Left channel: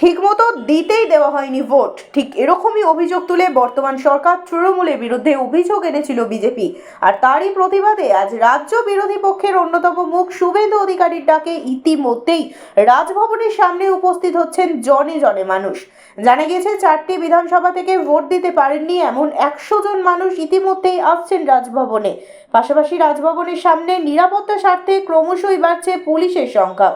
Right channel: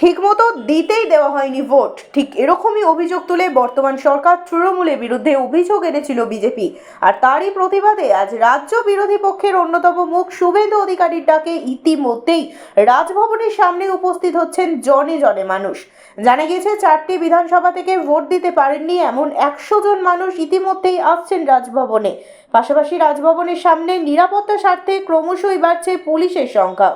ঠিকমতো দিতেই দেওয়া হয়নি ভোট। ঠিক এরকমই অভিযোগ তুলে বর্তমান সরকার তৃণমূলের বিরুদ্ধে অভিযোগ এনেছিল বিজেপি। আর তারই প্রতিবাদে আজ রাজ্য বিরোধী পক্ষের অন্যতম মুখ শুভেন্দু অধিকারীর ডাকে ইতিমধ্যেই রাজভবনের সামনে উপস্থিত হচ্ছেন জনে জনে মানুষ। জানা গিয়েছে 4টি বিধানসভা থেকে ভোট দিতে পারেননি এমন 100 জন মানুষ ইতিমধ্যেই আসছেন রাজভবনে। পাশাপাশি রাজভবনের সামনে নিরাপত্তা স্বার্থে ক্রমশই বাড়ছে পুলিশের সংখ্যা।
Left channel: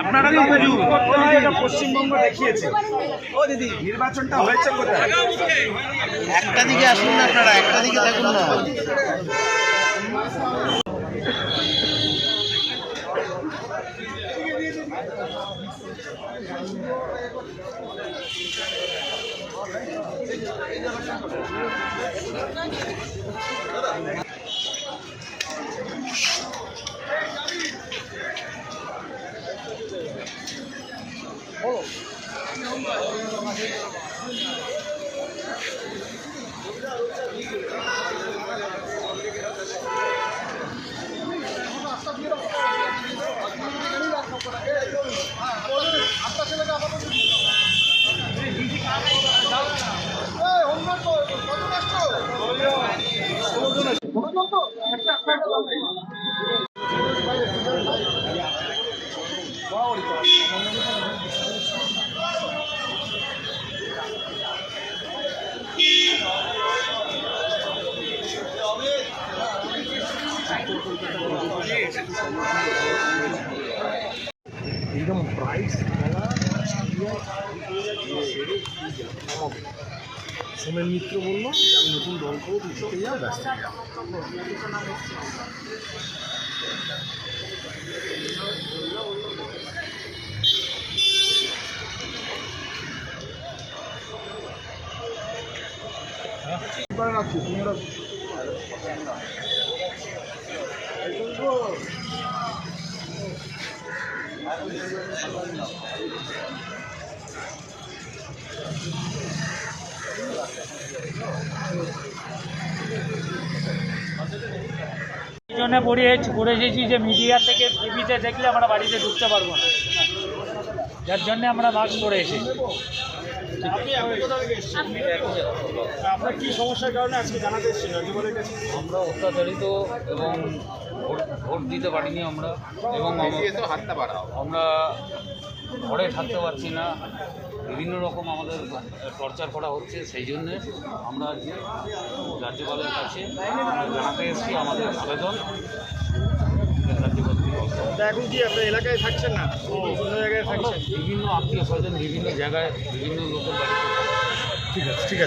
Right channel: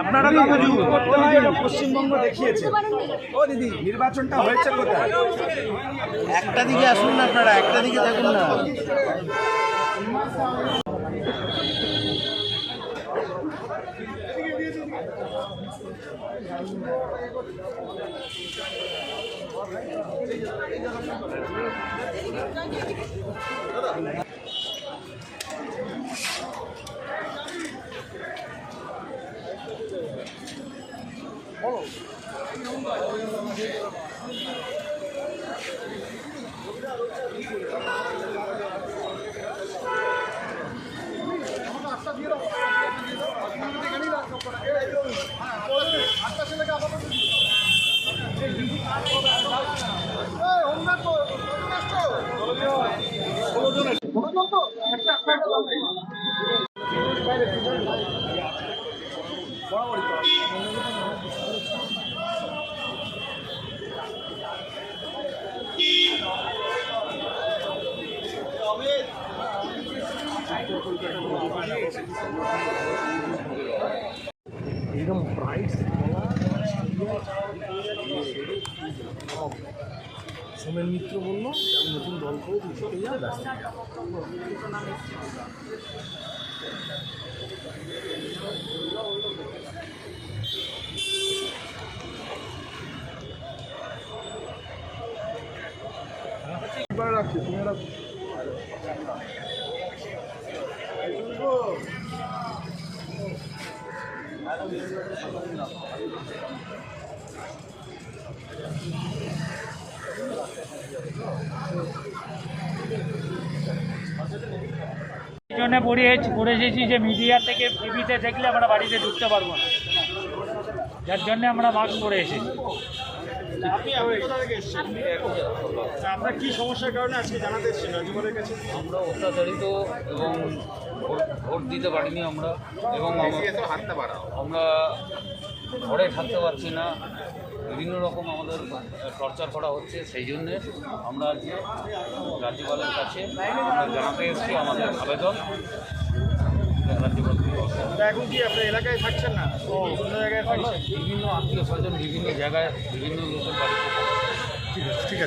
আপনারা তো পশ্চিমবঙ্গ দেখিয়েছে। ও দিদি, নির্বাচনটা হয়েছে কোথায়? একটা দিকে আসুন না, আপনারা একটা দিকে দেখুন না। সোমেন মিত্র বলল আমি নতুন দল করবো, দিতে যাওয়া ব্যস্ত। এই জন্য পড়ে এসেছি যে মিডিয়া থেকে টিভিতে দেখলে আমরা বাড়িতে ঢুকতে পারবো না, যার জন্য আমরা মাস্ক পরে এসেছি। আপনার কি সমস্যার কারণে আজকে জানাতে এসেছেন রাজ্যপালের কাছে? আমরা অত্যাচারিত এবং ভোট দিতে পারিনি আমরা, এবং আমরা ঘরে থাকতে পারছি না, বিভিন্ন রকম আমাদের টর্চার করা হচ্ছে। সেই জন্যে আমরা আজকে রাজ্যপালের কাছে জানাতে এসেছি আমাদের আবেদন। এখন কি আপনার এলাকায় থাকছেন না, অন্য জায়গায় থাকছেন? বিভিন্ন আত্মীয় স্বজন বিভিন্ন জায়গায় বিভিন্ন লোকের বাড়িতে। ঠিক আছে, ঠিক আছে।